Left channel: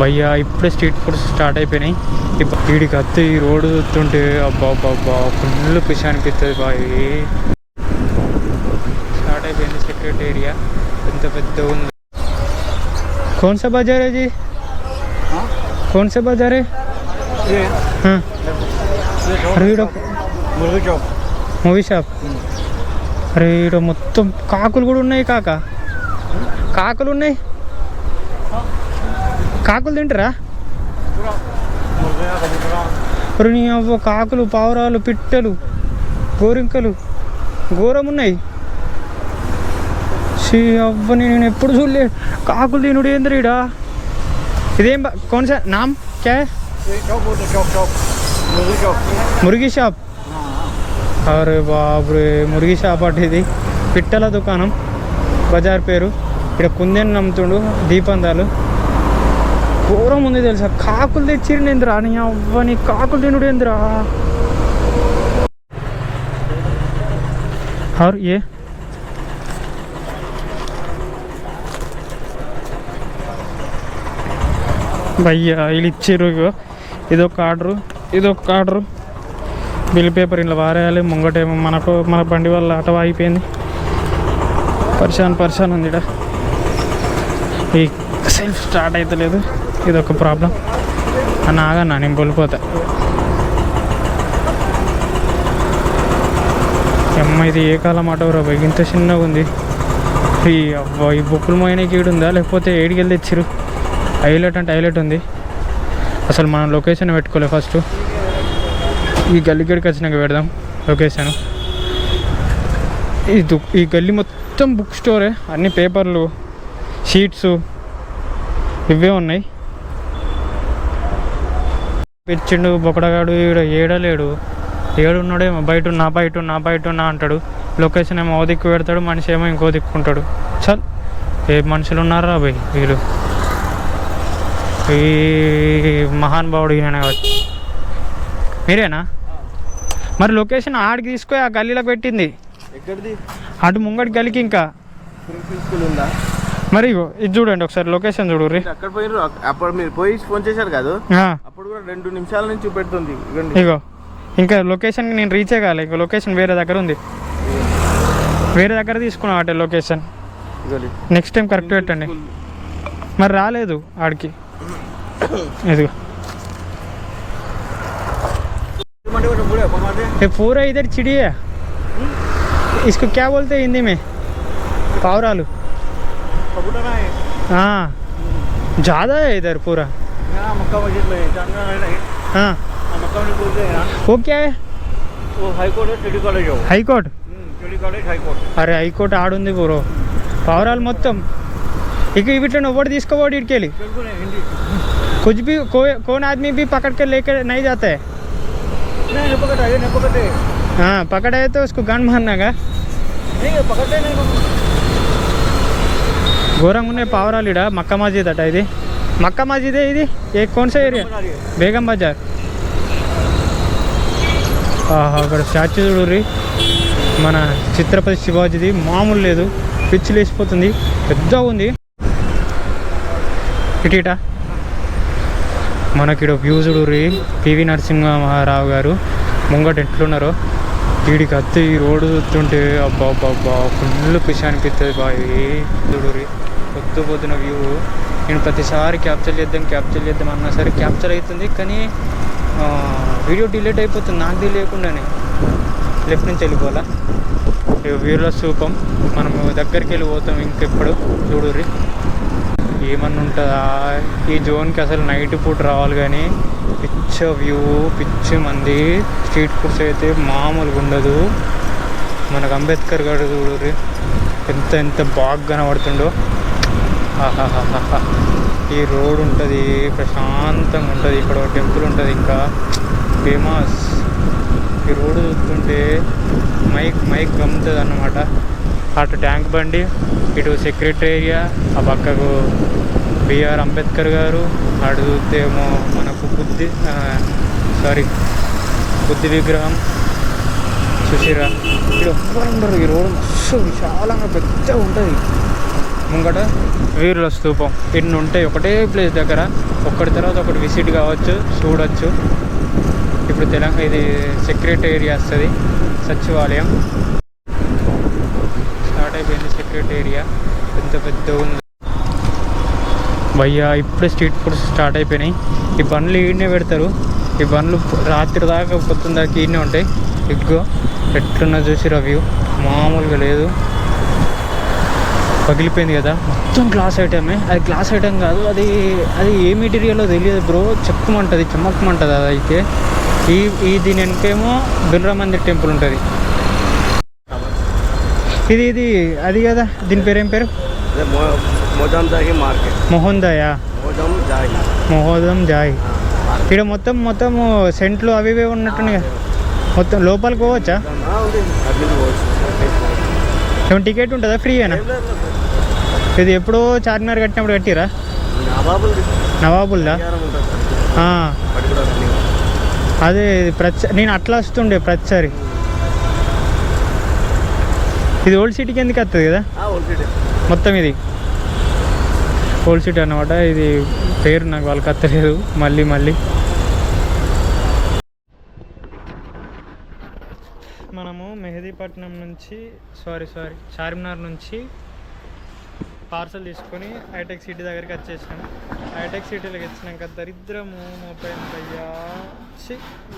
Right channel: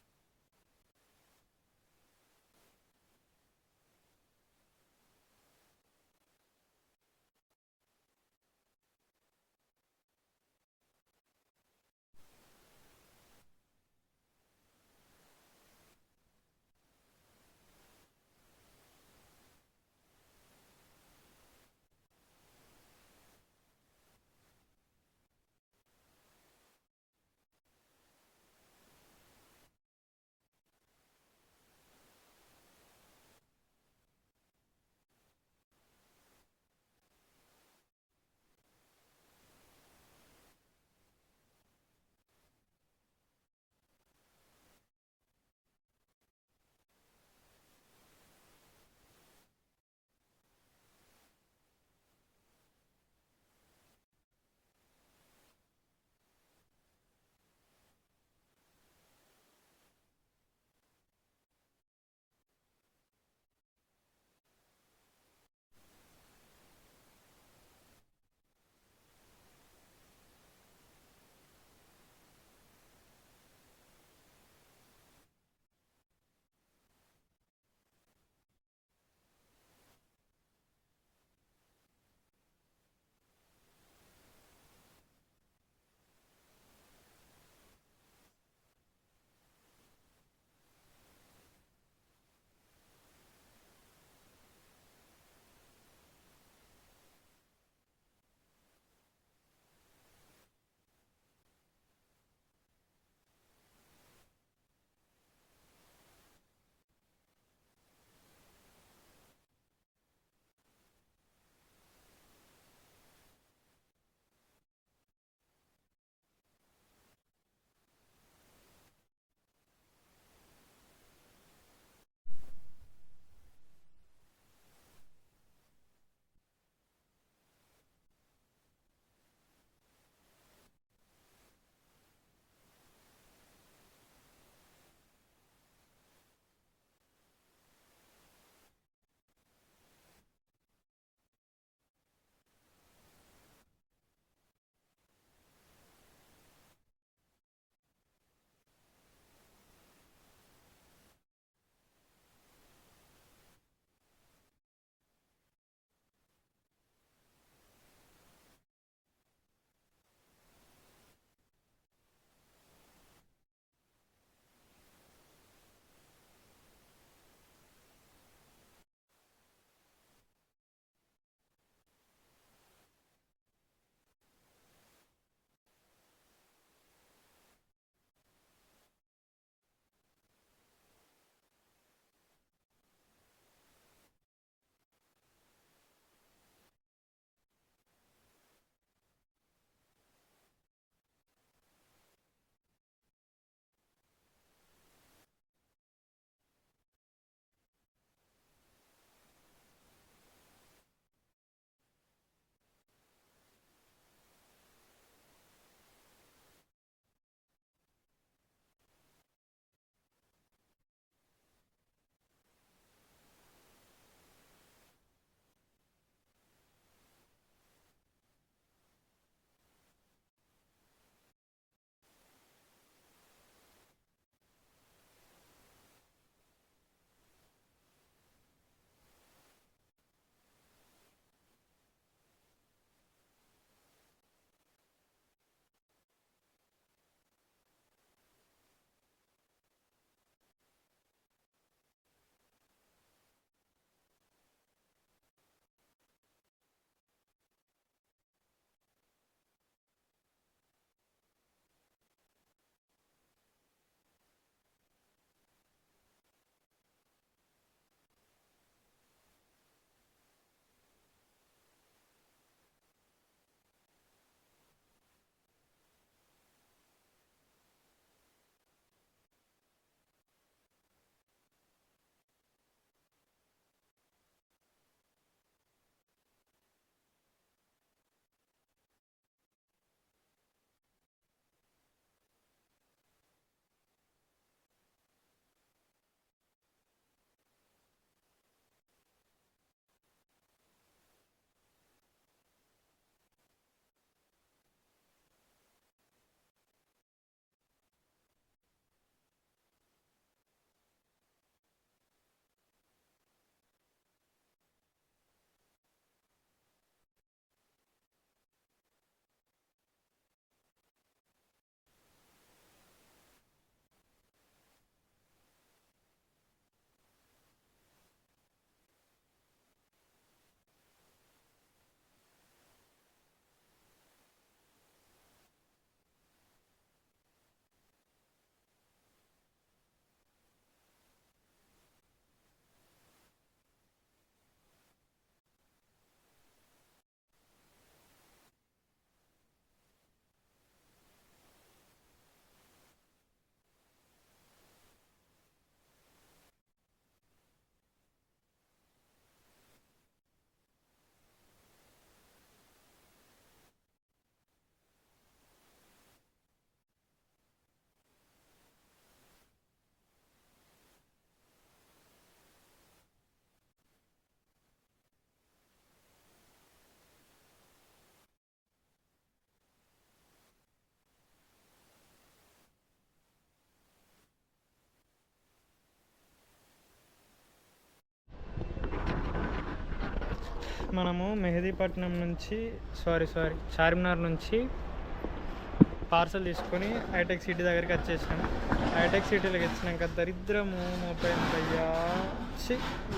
భయ్యా ఇప్పుడే street foods start అయిపోయినాయి. వీడికి అత్తే ఈ రోడ్డు చూస్తుంటే అబ్బా అబ్బా ఫుల్ పిష్ అనిపిస్తుంది బాయ్. స్టార్ట్ అయిపోయింది సెక్రటరీ ఏరియా, ఎంత పెద్ద ఉంది. कौन सा बाजार है जी? कौन सा बाजार है? हाँ अरे మూవీ షాప్. అరే ఇక్కడ మొత్తం కాకులు కూడా ఉన్నాయి. కాకులు ఉన్నాయి. కాకులు తింటారా? అరే నీ అవ్వ కాకులు, పావురాలు, పిట్టలు, గోరింకలు ఘోరం ఉన్నాయి. అవ్వ నేను ఎప్పుడు చూడలే కాకులు తినుడు ఏంద్ర ఈడ. ఇదేం कौन सा नाम क्या है? మురిగి షాప్. అరే బాబురే మురిగి షాప్ అంటే ఇది పిట్టల దుకాణం. బజార్ పేరు. ఇక్కడ కుందేను నమ్ముతుండు, దీపందాలు ఘోరం ఉంది తెలుసా. కాకులు తెచ్చిరు ఏంద్రా నీ అవ్వ, నీ కాకులు తినుడు ఏంద్రా. और ये భయ్యా వీళ్ళు ఇచ్చారు. ఇదొక ఆర్డరు బిల్ పేపర్ ఇలా వారేయాలి. ముంగటేమో మన బండి వల్ల ఆట అయిపోయింది. పరిశాన్ ఉంది. ఇక్కడ ఈ సెల్ఫ్ స్టార్ట్ అవుతలేదు, ఇదొక ప్రాబ్లం. ఆగన్నా నేను వెళ్ళిపోతా. అమ్మ ఇది ఏ కాలం ఆటో రా బాయ్, ఇంత చిన్నగా ఉంది. ఈ అవ్వ ఈ బొక్కులు మోయనకి ఈడుందా లేకపోతే ఏడికి వెళ్ళి తెచ్చిరు. హైలైట్ అంటే హైలైట్ ఉంది. అసలు మనం లొకేషన్ పెట్టుకోలే. ఫస్ట్ ఈ గల్లీకి వచ్చినాక పెడదాం లొకేషన్. ఈ గల్లీ మొత్తం బుక్ స్టోరే. అన్ని పేపర్లు, షీట్స్ ఇవే ఉన్నాయి. పిచ్చిండు బొక్కడగాడు ఏడలేడు. ఏడున్నాడేమో బయట ఉన్నా అంటాడు. లొకేషన్ ఏమో ఓ దిక్కు పెడతాడు, మనిషి ఏమో ఇంకో దిక్కుంటాడు. చల్ ఏ మనుషులు ఉన్నారా భయ్ వీళ్ళు. ఈ మహానుభావుడు ఈయన మీరేనా? మరి లొకేషన్ ఆడికి తీసుకొని ఆ గల్లీలో పెట్టింది. అటు ముంగటి గల్లీకి. ఇంకా మరి ఇది చూడండి ఒకసారి లొకేషన్ చూడు. అక్కడ పోయిన అప్పుడు మీరు పోయి ఫోన్ చేశారు కాదు, అప్పుడు కూడా 2 నిమిషాల నుంచి చూపెడుతుంది. ఇగో ఇంకా లొకేషన్కి నేను రీచ్ కాలే. ఇంకో లొకేషన్ వేరే దగ్గర ఉంది. వేరే దగ్గర తీసుకున్నాం అంటే లొకేషన్. నెక్స్ట్ టైం కరెక్ట్ పెట్టండి. మరి రాలేదు ఆడికి. ఇదిగో ये पूरा इधर चिड़ी है. इसको क्या बोलते हैं हिंदी में? पावरालू. हाँ ज़्यादा है इधर पूरा. मक्का मस्जिद में हाँ मक्का मस्जिद बोलते हैं. वो क्या है? वो हाई कोर्ट है, सिटी कॉलेज हो. High court. City college high court. अरे हाई कोर्ट ఆడుంది బ్రో. పావురాలు మొత్తం ఇక ఇవిట్లో ఎవరు తీసుకోవాడు ఇటుకెళ్ళి. कुछ भी कौन आदमी भी पकड़ के लेकर नहीं जाता है. नहीं पकड़े. हाँ पकड़ा है तो उसको गन मारना का. नहीं पकड़ते नहीं. ఘోరంగా ఉన్నాయి పావురాలు. ఇడ మక్కా మస్జిద్ అట. ఇది మక్కా మస్జిదే. ఇది ఏ कौन सा ఏరియా? బేగం బజార్. అక్కడ స్టాచ్యూ చూడుర్రి, మన ఛత్రపతి శివాజీది. మామూలు లేదు, పిచ్చి లేచిపోతుంది. పెద్ద ఉంది. ఇటీట మనకి వ్యూ చూడుర్రి. పివి నరసింహారావు గారు ముంగట ఎట్లున్నారో. వీడికి అత్తే ఈ రోడ్డు చూస్తుంటే అబ్బా ఫుల్ పిష్ అనిపిస్తుంది బాయ్. చూడుర్రి పొద్దున వ్యూ. నేను ప్రతిసారి క్యాప్చర్ చేద్దాం అన్నా సరే క్యాప్చర్ అవుతుంది, కానీ వీడియో డిలీట్ అయిపోతుంది నాకు తెలియకుండానే. లెఫ్ట్ నుంచి వెళ్ళిపోవాలా. వీరుల స్థూపం. మనం దగ్గరికి వెళ్ళిపోతాం ఇంకెప్పుడు. చూడుర్రి ఏమన్నా ఉంటుందా ఈ జోన్కి. అసలు నైట్ పూట రావాలి, కానీ పిచ్చ వ్యూ, పిచ్చి మంది. స్ట్రీట్ ఫుడ్స్ అయితే మామూలుగా ఉండదు. మనకు అంబేద్కర్ గారు చూడుర్రి ఎంత బాగా కనబడుతుండో. ఆహాహాహా. ఈ రోడ్ ఉంటుంది, ప్రశాంతంగా ఉంటుంది. ఇక్కడ టెంపుల్ ఉంటుంది, ఇంకా ఫేమస్. ఈ రోడ్డు చూస్తుంటే మైక్ గమ్ముతుంది అన్నమాట. అటు ట్యాంక్ బండి, ఇటు సెక్రటరీ ఏరియా, ఆ పక్కకు బిఆర్ అంబేద్కర్ గారు, అటు చూస్తే ఏమో మనకు బుద్ధి విగ్రహం చూసిరా. ఇక్కడ ఎవ్వరు ఉండరు. ఈ రోడ్డు మస్తు విశాలంగా పెద్దగా ఉంటుంది. ముంగట వీరుల స్తూపం ఇన్ని ఉంటాయి ఒకటే ప్లేస్ దగ్గర. ఒకటి తర్వాత ఒకటి విజిట్ కావచ్చు, చూడవచ్చు. ఇప్పుడు తెలంగాణ ఇది సెక్రటేరియా వస్తుంది, సచివాలయం స్టార్ట్ అయిపోయింది. సెక్రటేరియా పెద్ద పెద్ద ఉంది భయ్యా. ఇప్పుడే స్ట్రీట్ ఫుడ్స్ స్టార్ట్ అయిపోయినాయి. ఈ బండ్లు ఈడనే పెడతారు. ఈ బండ్లు రాత్రి దాకా పొద్దున్న దాకా ఈడనే ఉంటాయి. ఎగ్గు ఎట్లున్నా చూసి రివ్యూ మామూలుగా లేదు. పగిలిపోయింది కదా, మొత్తం గ్లాస్ ఐటమే. అది గ్లాస్ ఐటమ్ కాదు, అది అది ఏ మెటీరియల్లో తెలియదు బ్రో. చెక్కమంటుంది, చెమ్మక్కమంటుంది. అది అయితే దీని వెనకేమో బిర్లా మందిర్ టెంపుల్ ఉంటుంది. ఇది అది కదా, దీని పేరు ఏం పేరు? మొహోదం జాయ్. ఇక్కడ మొత్తం సెంట్లు అవి ఇవి ఉన్నట్టున్నాయి కదా. మొత్తం లోపలికి పోవచ్చా? ఏమైనా టికెట్ ఉంటుందా, ఫ్రీ అయినా? ఇది ఎప్పుడో చార్మినార్ కట్టినప్పుడు కట్టిరా? నవాబుల్దా? అదే నేను అట్లా వస్తుండే ప్రతిసారి. ఇది ఓల్డ్ సిటీకి ఎందుకు వస్తుంది కదా మొత్తం. ఇది ఓల్డ్ సిటీ అన్నమాట. ఇది పేరు నాకు వాళ్ళకి వస్తలేదు. మళ్ళీ మనము మెహదీపట్నం నుంచి చార్మినార్ నుంచి పార్సల్ తీసుకొని హైటెక్ సిటీ దగ్గరికి వచ్చేసాం. హైటెక్ సిటీలోకి వచ్చినాక దరిద్రము మోపోయింది భయ్యా.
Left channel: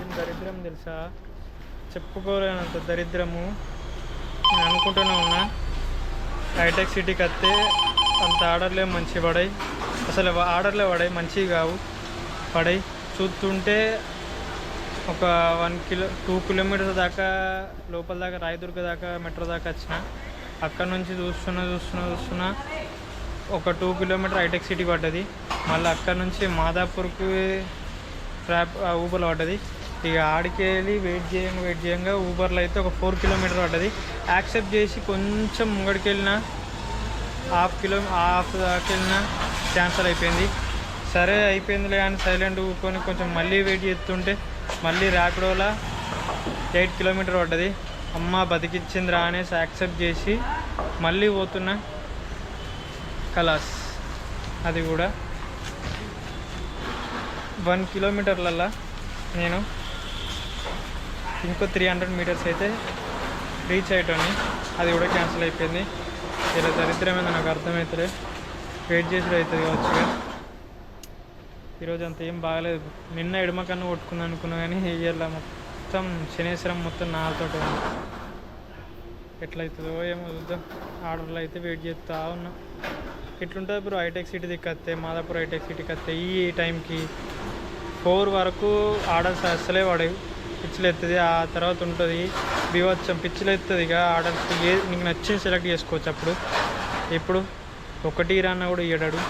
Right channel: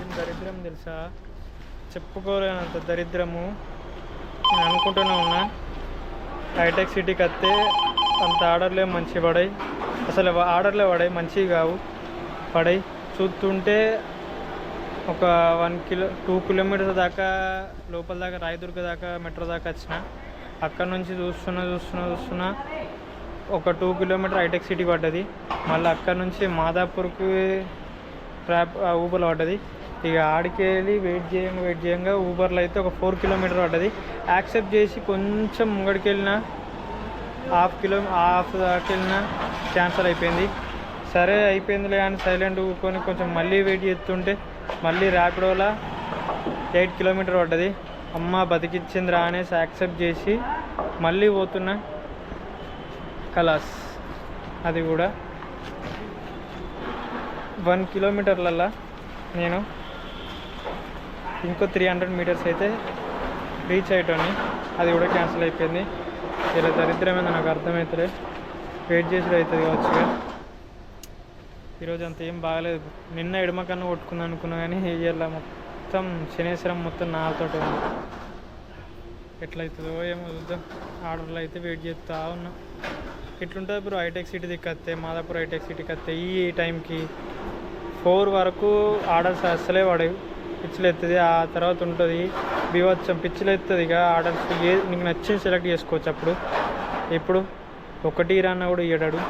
ఏం దరిద్రం తెలుసా, చెప్పుకోలేనంత దరిద్రము. నేను అనుకుంటూనే ఉన్నా హైటెక్ సిటీకి వస్తే అంత ఆర్డర్లే మంచి పడాయి. అసలు ఆర్డర్లే పడాయి, మంచివి కావు. పడాయి చూస్తుంటే ఒక 2 కిలోమీటర్స్ దాకా లోపల దాకా రాయదుర్గ దాకా మెట్రో దాకా వచ్చిన. అక్కడ నుంచి చూస్తున్నా ఒక 2 కిలోమీటర్ హైటెక్ సిటీ పడ్డది. మళ్ళీ అక్కడ నుంచి మాదాపూర్కి ఊబర్లో పడ్డది. ఇక ఆడికి వెళ్ళి వెయిట్ చేయంగా ఊబర్లో అయితే ఒక 4 కిలోమీటర్ పడ్డది. యాక్సెప్ట్ చేసి కొంచెం ముంగడికి వెళ్ళినా హాఫ్ దాకా వెళ్ళినా క్యాన్సల్ అయిపోయింది. సరే అయిపోయిందిలే అని సైలెంట్ ఊరుకొని కొంచెం మళ్ళీ వెయిట్ చేస్తుంటే మళ్ళీ ర్యాపిడోలా 8 కిలోమీటర్ పడ్డది. అమ్మ బతికిచ్చిందిరా అనేసి యాక్సెప్ట్ చేసి మళ్ళీ పోతున్నా. కలాస్ అది కూడా 1 కిలోమీటర్లల్లా నేను ఇంకో 300 మీటర్స్ అయితే రీచ్ అయ్యేటోని. అది కూడా క్యాన్సిల్ అయిపోయింది. ఇలా దరిద్రమైంది నాకు అర్థమవుతుంది. వెయిట్ చేసి అవుతుంది కావచ్చు. ఈరోజు అంత ఏం బాగలేదు. నిన్న ఎడమ కన్నా కొట్టుకుందాం అనుకున్నా కానీ ఇవాళ మొత్తం శనేశ్వరం మొత్తం నాతోటి ఉంది. ఎట్లయితుందో ఏమో చూద్దాం. ఆర్డర్లో అయితే వెయిట్ చేస్తూ ఉన్నా. ఎట్లుంటుంది బ్రో హైటెక్ సిటీ దిక్కత్తే, మాదాపూర్ హైటెక్ సిటీకి వస్తే ఈ టైంకి 4 వరకు ఆర్డర్స్ అసలే పడేవి. పిచ్చిలు ఎత్తుంది. ఆ తర్వాత ఉంటుంది బీవచ్చం, పిచ్చిలు ఎత్తుంది. ఇక ఆర్డర్స్ నీకు నచ్చింది సెలెక్ట్ చేసుకోవచ్చు. అప్పుడు ఇప్పుడు 1 రాన్నా కూడా ఇయ్యడాడు.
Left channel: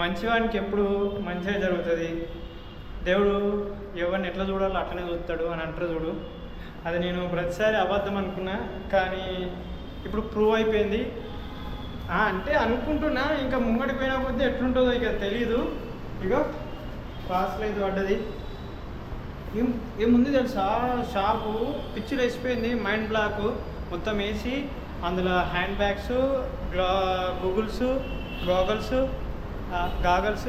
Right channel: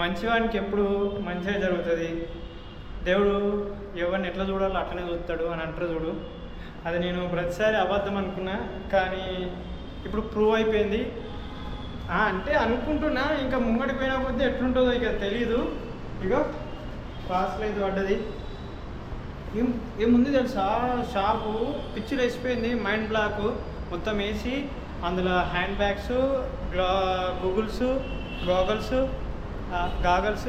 మంచివానికి ఎప్పుడు మంచిగా జరుగుతుంది. దేవుడు ఎవరిని ఎట్లా చూడాలో అట్లనే చూస్తాడు అని అంటారు చూడు. అది నేను ప్రతిసారి అబద్ధం అనుకున్నా, కానీ ఇప్పుడు ప్రూవ్ అయిపోయింది. అంటే అనుకుంటున్నా, ఇంకా ముంగడికి పోయినా కొద్దీ ఎట్లుంటుందో ఇక తెలీదు. ఇక పార్సల్ అయితే పడ్డది. ఏముంది తెలుసా, షాపు పిచ్చిలు వేసిపోయింది. మైండ్ బ్లాక్ మొత్తం వేసి అందులో హ్యాండ్ బ్యాగ్స్, గాగల్స్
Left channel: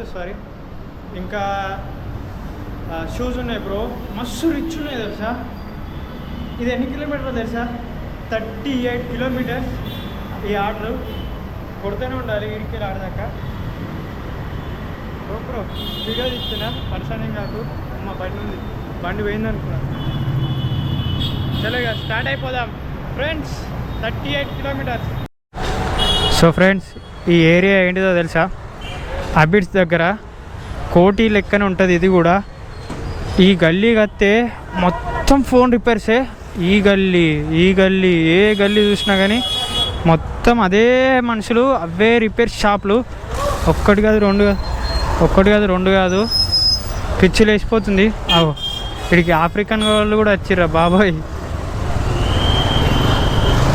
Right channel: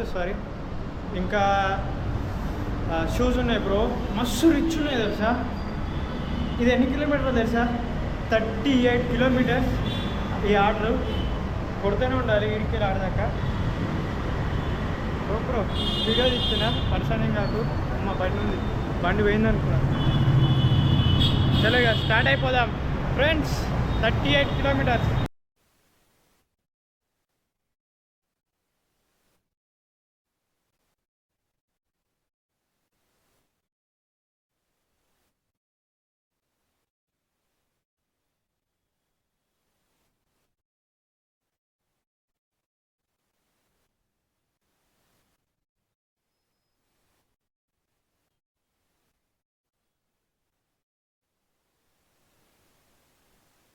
ఇంకా షూస్ ఉన్నాయి బ్రో. మస్తు రిచ్ ఉన్నాయి తెలుసా. ఇది ఎన్ని కిలోమీటర్లు తెలుసా? 38 కిలోమీటర్స్. ఈ ఆర్డర్ కొడుతూనే ఉండాలి వీడికి ఆడదాకా. బ్రో వీడియో తీస్తున్నా, పర్సనే కాదు. అమ్మ బండి పోయింది అనుకున్నా. చలోగా స్టార్ట్ అయిపోదాం ఫ్రెండ్స్. 38 కిలోమీటర్స్. సో ఫ్రెండ్స్, ఈ ఏరియా ఏంటిదో తెలుసా? అబిడ్స్ దగ్గర కోటి లెక్కన ఉంటుంది. ఇది కూడా ఈ గల్లీ కత్తే మొత్తం ఫోన్ రిపేర్సే. ఈ గల్లీ ఏ గల్లీ చూసినా కానీ మొత్తం అదే మనుషులు, అవే రిపేర్ షాపులు. ఒక్కటి కాదు రెండు కాదు. పిచ్చిలు వేసిపోతుంది. ఇక్కడికి ఆఫ్రికన్ వాళ్ళు కూడా వచ్చిర్రా బాబాయ్.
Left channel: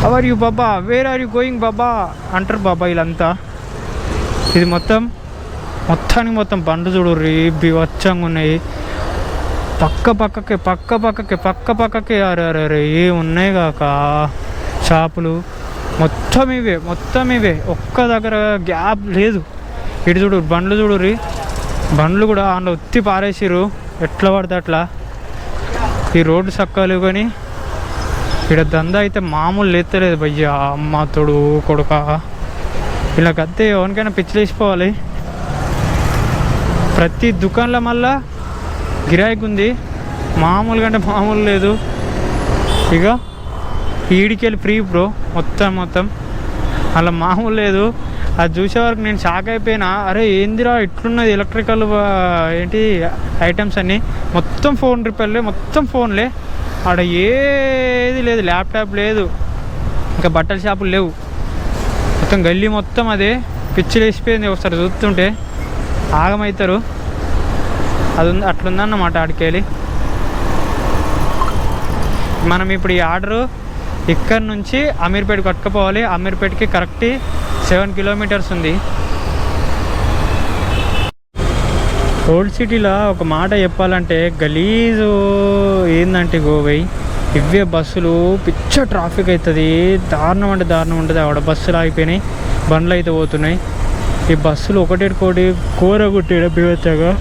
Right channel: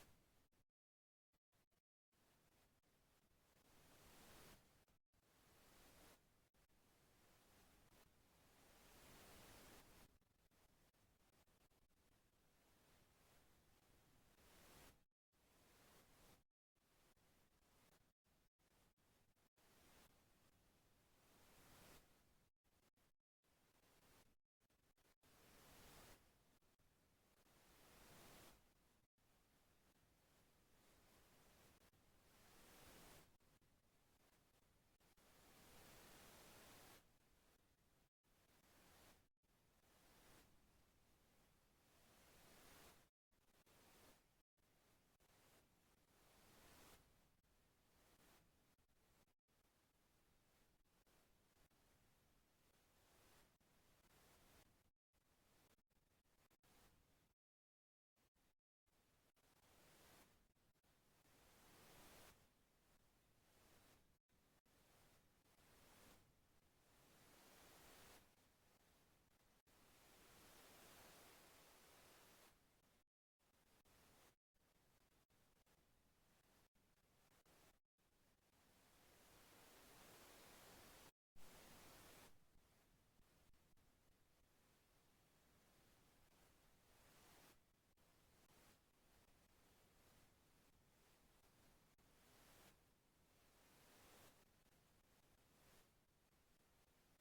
అవర్ యూ బాబా, వేర్ ఆర్ యూ గోయింగ్ బాబా అంటారు బాబా వీళ్ళంతా. ఇది మొత్తానికి మొత్తం బండ్లు చూడు బీవచ్చంగా ఉన్నాయి. పక్క పక్కకి అరే ఉన్నాయి కాక షాపులు మొత్తం ఇవే ఒక్క దగ్గర గ్యాప్ లేదు. ఇటు చూడు బండ్లు చూడుర్రి, బండ్లు కూడా అందులో ఉత్తి పారేసిరు ఎట్లా పడితే అట్లా. ఈ రోడ్డు చక్కలు కానీ ఇక్కడ దందా అయితే మామూలు లేతలేదు భయ్యా. అమ్మ తోడు కొడుక ఇలా కత్తే ఎవరికైనా పిచ్చిలేసిపోవాలి. ప్రతి దుకాణంలో మళ్ళా గిరాయికి ఉంది, మామూలుగా అంటే మామూలు లేదు. ఇక ఈడికెళ్ళి ఫ్రీ బ్రో మొత్తం అలా మామూలు లేదు. అది చూసే వరకు నేను షాక్ అయిపోయినా. అరే ఏందిరా ఇట్లున్నది ఎలక్ట్రికల్ ఏంటి ఐటమ్స్ అన్నీ, మొత్తం ఫోన్ రిపేర్లే, మొత్తం ఫోన్లే. ఆడ ఏది లేదు, ల్యాప్టాప్ లేదు, ఇంకా బట్టల షాపులు లేవు. మొత్తం గల్లీ మొత్తం అదే పిచ్చి లేచిపోయింది. ఒకసారి చూస్తుంటే ఆగమవుతారు. అది అట్లుందన్నమాట ఆడికెళ్ళి. మనం ఇప్పుడు ఈ ఆర్డరు ఇక్కడ నుంచి అమీర్పేటకి పట్టుకుపోవాలి. అమీర్పేటకి కరెక్ట్ 7 కిలోమీటర్స్ ఉంది. ఓల్డ్ సిటీలో ఒక మాట చెప్పాలంటే గలీజు ఏందంటే గోవై ఇవే బస్సులు పిచ్చ ట్రాఫిక్ అవుతుంది. దారుణం ఉంటుంది. ఆవిడ బస్సులు ఆగిపోయినాయి, బండ్లు అయితే పోతున్నాయి. ఈ బస్సులు ఒకటి కూర కొట్టాడు బివచ్చగా.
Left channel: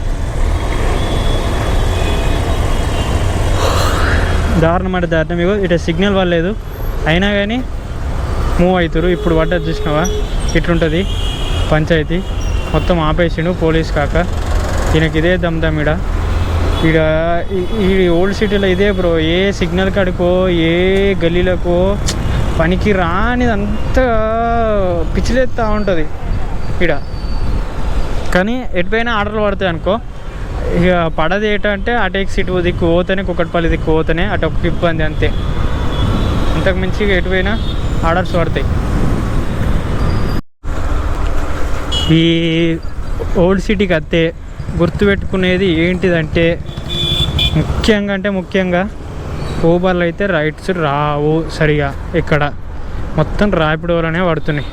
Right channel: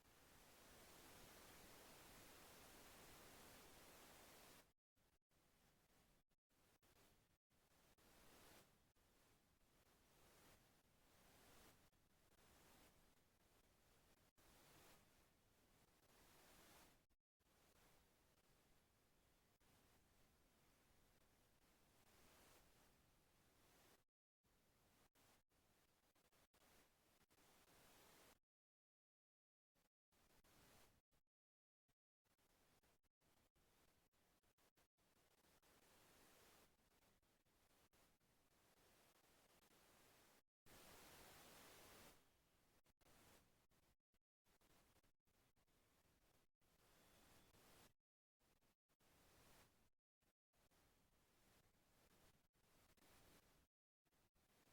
దారుణం. ఇగో ఇటు సిగ్నల్ పడలేదు అయినా కానీ మూవ్ అవుతారు. ఇప్పుడు పడ్డది చూసినావా ఇట్లుంటుంది పంచాయతీ. మొత్తం ఆపేసిండు పోలీస్ కాక. ఈయనకి ఇదే దమ్దమ్ ఈడ ఈ ఓల్డ్ సిటీలో ఇదే బ్రో. ఏ సిగ్నల్ కాడికో ఏ గల్లీలకో పనికి రానిది అంతా పిచ్చిలేస్తూ ఉంటుంది ఈడ. కానీ ఎటుపోయినా ఆర్డర్లు పడతాయి అనుకో. ఇక పడది ఏంటంటే అటేక్ సిటీ దిక్కు పోతేనే, కుక్కట్పల్లి దిక్కు పోతేనే అటు ఒక ఇబ్బంది అంతే. అంతకు మించి ఎటుపోయినా ఆర్డర్స్ పడతాయి. ఈ ఓల్డ్ సిటీకి అత్తే గుర్తుపెట్టుకునేది ఏంటిదంటే ముఖ్యంగా ఊబర్లు అయితే రైడ్స్ రావు సరిగా. ఇక్కడ మొత్తం ర్యాపిడోలోనే పడుతున్నాయి.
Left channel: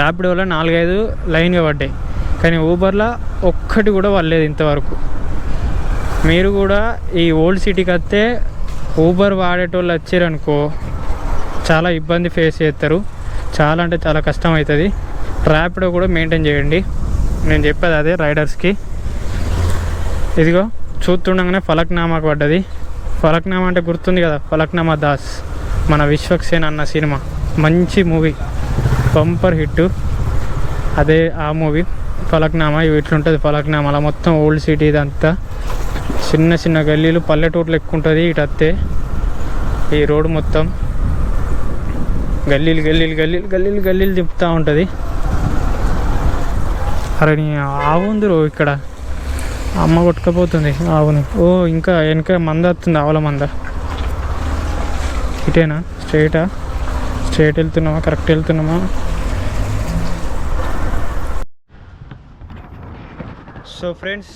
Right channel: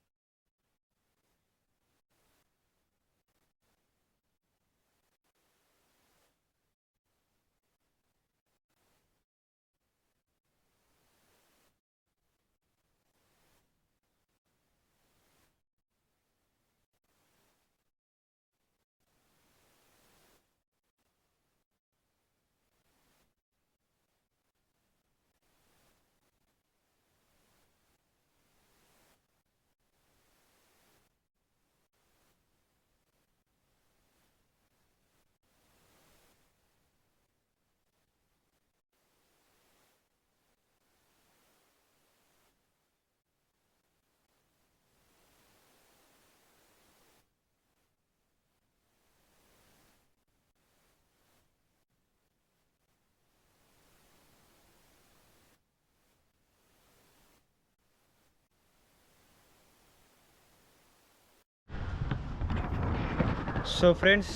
ర్యాపిడోలో 4-5 లైన్గా పడ్డాయి, కానీ ఊబర్లో ఒక్కటి కూడా పడలేదు ఇంతవరకు. మీరు కూడా ఈ ఓల్డ్ సిటీకి వస్తే ఊబర్ వాడేటోళ్ళు వచ్చారనుకో చాలా ఇబ్బంది ఫేస్ చేస్తారు. చాలా అంటే చాలా కష్టం అవుతుంది. ర్యాపిడో కూడా మెయింటైన్ చేయండి. నేను చెప్పేది అదే రైడర్స్కి. ఇదిగో చూస్తుండగానే ఫలక్నామాకు పడ్డది. ఫలక్నామా అంటే గుర్తుంది కదా, ఫలక్నామా దాస్, మన విశ్వక్సేన్ అన్న సినిమా. మంచి మూవీ, బంపర్ హిట్. అదే ఆ మూవీ ఫలక్నామా. ఇట్లుంటుంది ఫలక్నామా. అలా మొత్తం ఓల్డ్ సిటీ ఇదంతా చిన్న గల్లీలు, పల్లెటూర్లు ఎక్కువ ఉంటుంది. ఇటు వస్తే ఈ రోడ్డు మొత్తం గల్లీలు తిప్పుతూ ఉంటుంది. అరే నీ ఆవు ఉంది రో ఇక్కడ, అమ్మ కొట్టుకపోతుంది ఆవుని. ఓ ఇంకా వెనక మంద వస్తుంది, ఆవుల మంద. ఇటేనా స్ట్రైట్ వెళ్తున్నామా, కరెక్ట్ వెళ్తున్నామా? సో ఫ్రెండ్స్,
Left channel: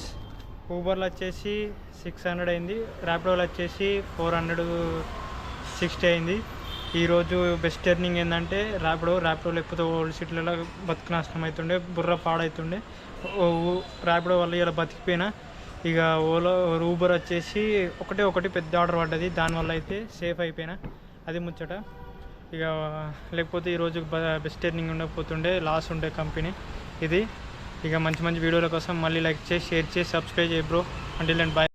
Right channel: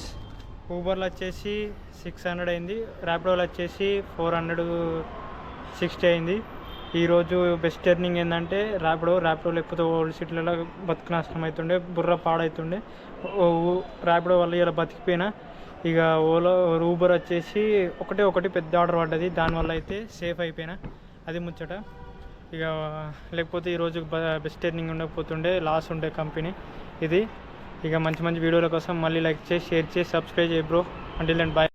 ఊబర్లో వచ్చేసి 600 అయింది, ర్యాపిడోలో వచ్చేసి 460 అయింది. ఈరోజు బెస్ట్ ఎర్నింగ్ ఏంటంటే ర్యాపిడో లేకపోతే ఓల్డ్ సిటీలలో బతుకు నష్టం అవుతుండే, బుర్ర పాడవుతుండే. ర్యాపిడో వల్ల ఇలా బతికిపోయినా. ఇక ఊబర్ వచ్చేసి ఒకటి పెద్ద ఆర్డర్ పడ్డది, దానివల్ల అయితే సేఫ్ అయిపోయినా. అది ముచ్చట. ఇక లేకపోతే ఈరోజు బెస్ట్ ఎర్నింగ్ ఉండకపోతుండే, లాస్ ఉండే కంపెనీ ఇది. ఇక మంచి వీడియోల కోసం మళ్ళీ లైక్ చేసి, షేర్ చేసి, సబ్స్క్రైబ్ చేయి బ్రో. Until then bye.